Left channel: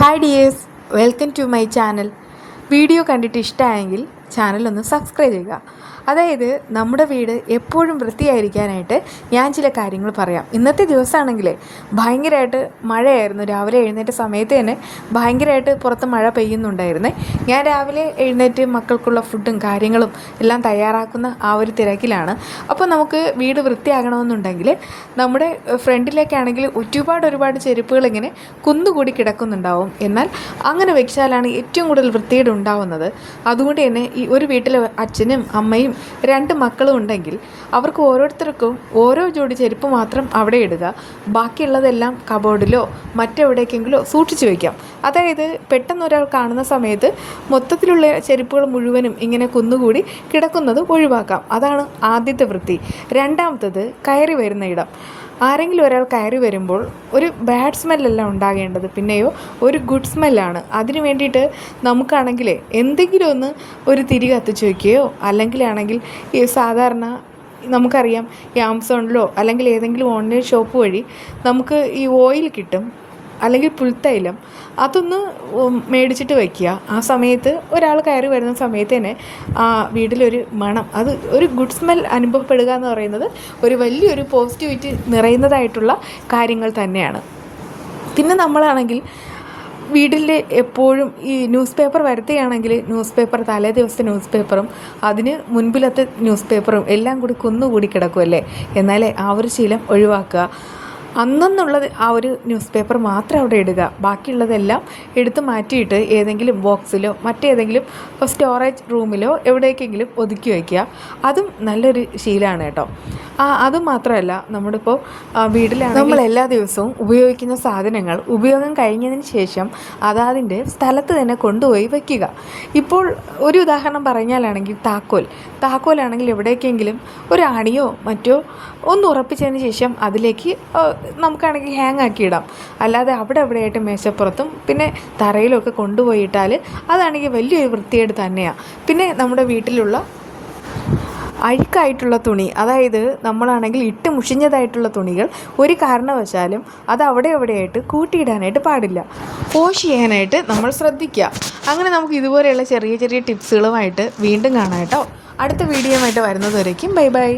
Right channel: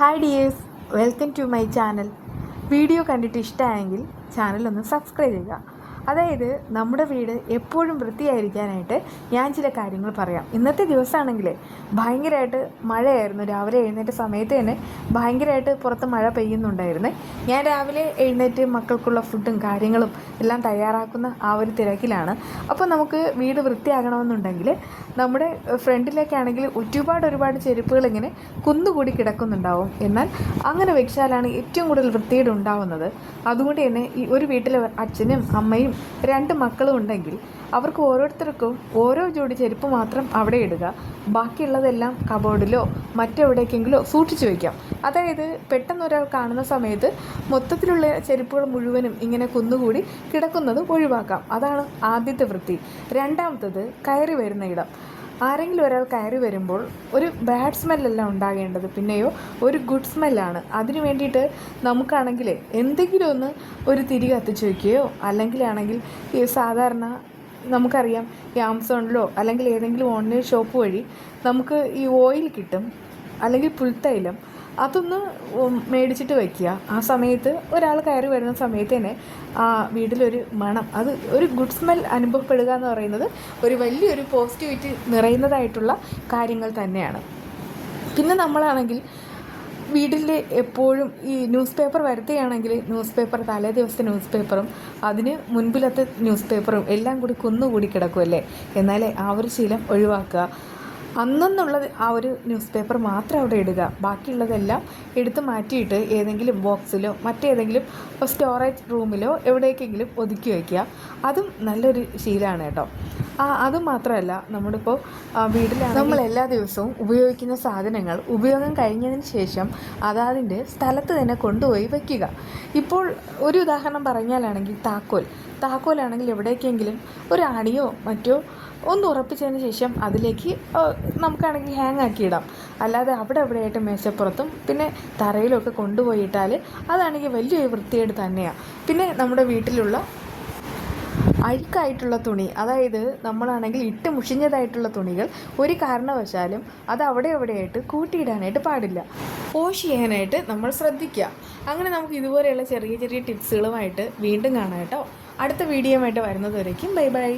Hi dears, welcome to my channel. Video കണ്ടിട്ട് ഇഷ്ടമായെങ്കിൽ ചാനലൊന്ന് സബ്സ്ക്രൈബ് ചെയ്യുക. അതായത് നമ്മുടെ വീട് എപ്പോഴും വൃത്തിയായിരിക്കാനായിട്ട് ഞാൻ ചില കാര്യങ്ങൾ പറയാം. ഇന്നത്തെ ദിവസമാണെങ്കിലേ ഭയങ്കരമായിട്ട് മഴയായിരുന്നു. രാവിലെ എഴുന്നേറ്റ സമയത്ത് തന്നെ ഭയങ്കരമായിട്ട് പുറത്ത് മഴ പെയ്യുന്നുണ്ടായിരുന്നേ. ഞാൻ രാവിലെ എഴുന്നേറ്റ് മക്കൾക്കുള്ള ഫുഡും കാര്യങ്ങളും എല്ലാം തയ്യാറാക്കുന്ന ആ ഒരു തിരക്കിലാണ്. അപ്പോൾ നമുക്ക് വീട് വൃത്തിയാകണമെന്നുണ്ടെങ്കിൽ നമ്മുടെ ഫ്രണ്ടിലേക്കാണെങ്കിൽ ഒരുപാട് ചെരുപ്പുകൾ ഇങ്ങനെ കുന്നുകൂടി കിടക്കുന്നുണ്ടാവും. എന്നാൽ അങ്ങനെ വെച്ചാലാണ് ഏറ്റവും കൂടുതൽ വൃത്തികേട് ഉണ്ടാവുന്നത്. അതുകൊണ്ട് തന്നെ ഈ ഒരു വീട്ടിൽ അച്ഛനും അമ്മയും 2 മക്കളും ഉണ്ടെങ്കിൽ അവർക്ക് ഓരോരുത്തർക്കും ഓരോ ജോഡി ചെരുപ്പ് മാത്രം അവിടെ ഇടുക. ബാക്കിയുള്ളതെല്ലാം കബോർഡിലോ മറ്റെവിടേക്കെങ്കിലോ സൂക്ഷിച്ചു വയ്ക്കാം. അതായത് പെട്ടെന്ന് ഒരാൾ കാണുന്ന സമയത്ത് മൊത്തത്തിലുള്ള ചെരുപ്പുകൾ മുഴുവനും ഇങ്ങനെ കുന്നുകൂടി കിടക്കുന്നത് ഒഴിവാക്കാം. അതാണ് ആദ്യത്തെ വൃത്തി. രണ്ടാമത്തത് കയറി വരുന്ന ഇടം. ആരെങ്കിലും ഒരാൾ കയറി വരുമ്പോൾ ഒരു ബാഡ് സ്മെല്ലല്ല ഉണ്ടാകേണ്ടത്, പിന്നെയോ ഒരു ഗുഡ് സ്മെല്ലാണ്. അതിന് വേണ്ടിയിട്ട് നമുക്കാണെങ്കിൽ എന്തെങ്കിലും ഒരു തിരി കത്തിച്ച് വയ്ക്കുകയോ അല്ലെങ്കിൽ ഈ സാധാരണ നമുക്കറിയാം ഈ ആമസോണിലോ അല്ലെങ്കിൽ ഏതെങ്കിലും ഓൺലൈൻ ഷോപ്പ് വഴി നമുക്ക് ഈ ഓയിൽ കിട്ടും, അല്ലെങ്കിൽ പുൽത്തൈലം. അതൊന്ന് മേടിച്ചിട്ട് വയ്ക്കുക. ആ സമയത്ത് ഒരാൾ കയറി വരുന്ന സമയത്ത് തന്നെ ആ വീട്ടിലൊരു മണം, അത് ഒരു ഗുഡ് സ്മെൽ അനുഭവപ്പെടുക എന്ന് പറയുന്നത് ഒരു വലിയൊരു പോസിറ്റിവിറ്റി നിറയുന്നതായിട്ടുള്ള കാര്യങ്ങൾ തന്നെയാണ്. പിന്നെ നമ്മളാണെങ്കിൽ വീട്ടിൽ എപ്പോഴും ഈ ന്യൂസ് പേപ്പർ വരുത്തുകയാണെങ്കിൽ ന്യൂസ് പേപ്പർ തലേ ദിവസത്തെ ന്യൂസ് പേപ്പറും അതിന് മുൻപിലത്തെ ന്യൂസ് പേപ്പറും എല്ലാം കൂടി കുന്നുകൂടി കിടക്കുമല്ലേ. എന്നാലേ ആ ഒരു ശീലം ഒഴിവാക്കുക. അന്നെന്നുള്ളത് ആ ഒരു ന്യൂസ് പേപ്പർ മാത്രം അവിടെ ഇടുക. ബാക്കിയുള്ളതെല്ലാം എടുത്ത് മാറ്റിയിട്ട് ഏതെങ്കിലും ബോക്സിലോ മറ്റേതെങ്കിലും സ്റ്റോറേജ് റൂമിലോ എവിടേക്കെങ്കിലും ഒതുക്കി വയ്ക്കുക. അതും നല്ലൊരു ശീലമാണ് കേട്ടോ. അതുമാത്രമല്ല, നമ്മളിപ്പോൾ വീട്ടിലാണ് നമ്മൾ എല്ലാ ദിവസവും ഉപയോഗിക്കുന്ന സാധനങ്ങൾ ഉപയോഗം കഴിഞ്ഞതിന് ശേഷം അതാതിൻ്റെ സ്ഥലത്ത് തന്നെ കൊണ്ടുപോയി വയ്ക്കുക. ഇപ്പോൾ ഒരു ഉദാഹരണം പറഞ്ഞാലാണെങ്കിൽ താക്കോലാണെങ്കിൽ എവിടേക്കെങ്കിലും ഒരു ആണിയോ മറ്റോ ഒന്ന് ഉറപ്പിച്ചതിന് ശേഷം അതിലേക്ക് നമുക്കാണെങ്കിൽ ഹാങ് ആക്കിയിടാം. അല്ലാതെ അവിടെയായിട്ട് മേശപ്പുറത്തും പിന്നെ തറയിലൊക്കെ കൊണ്ടുപോയിട്ടാൽ അതാണെങ്കിൽ വലിയൊരു വൃത്തികേട് തന്നെയാണ്. പിന്നെ നമ്മുടെ വീട്ടിലുള്ള അഴുക്കായിട്ടുള്ള തുണി, അതായത് നമ്മളാണെങ്കിൽ ഇട്ട് മുഷിഞ്ഞതായിട്ടുള്ള തുണികൾ ഒരു കാരണവശാലും അത് എവിടെയായിട്ട് കൂട്ടിയിടാനായിട്ട് പാടില്ല. വാഷ് ചെയ്യാനായിട്ട് നമ്മൾ ശ്രദ്ധിക്കുക. അങ്ങനെ നമുക്ക് ഇതുപോലെയുള്ള ചെറിയ ടിപ്സുകളുമായിട്ട് വീണ്ടും കാണാം കേട്ടോ. അടുത്ത വീഡിയോ ആയിട്ട് വരുന്നത് വരയ്ക്കും ബൈ.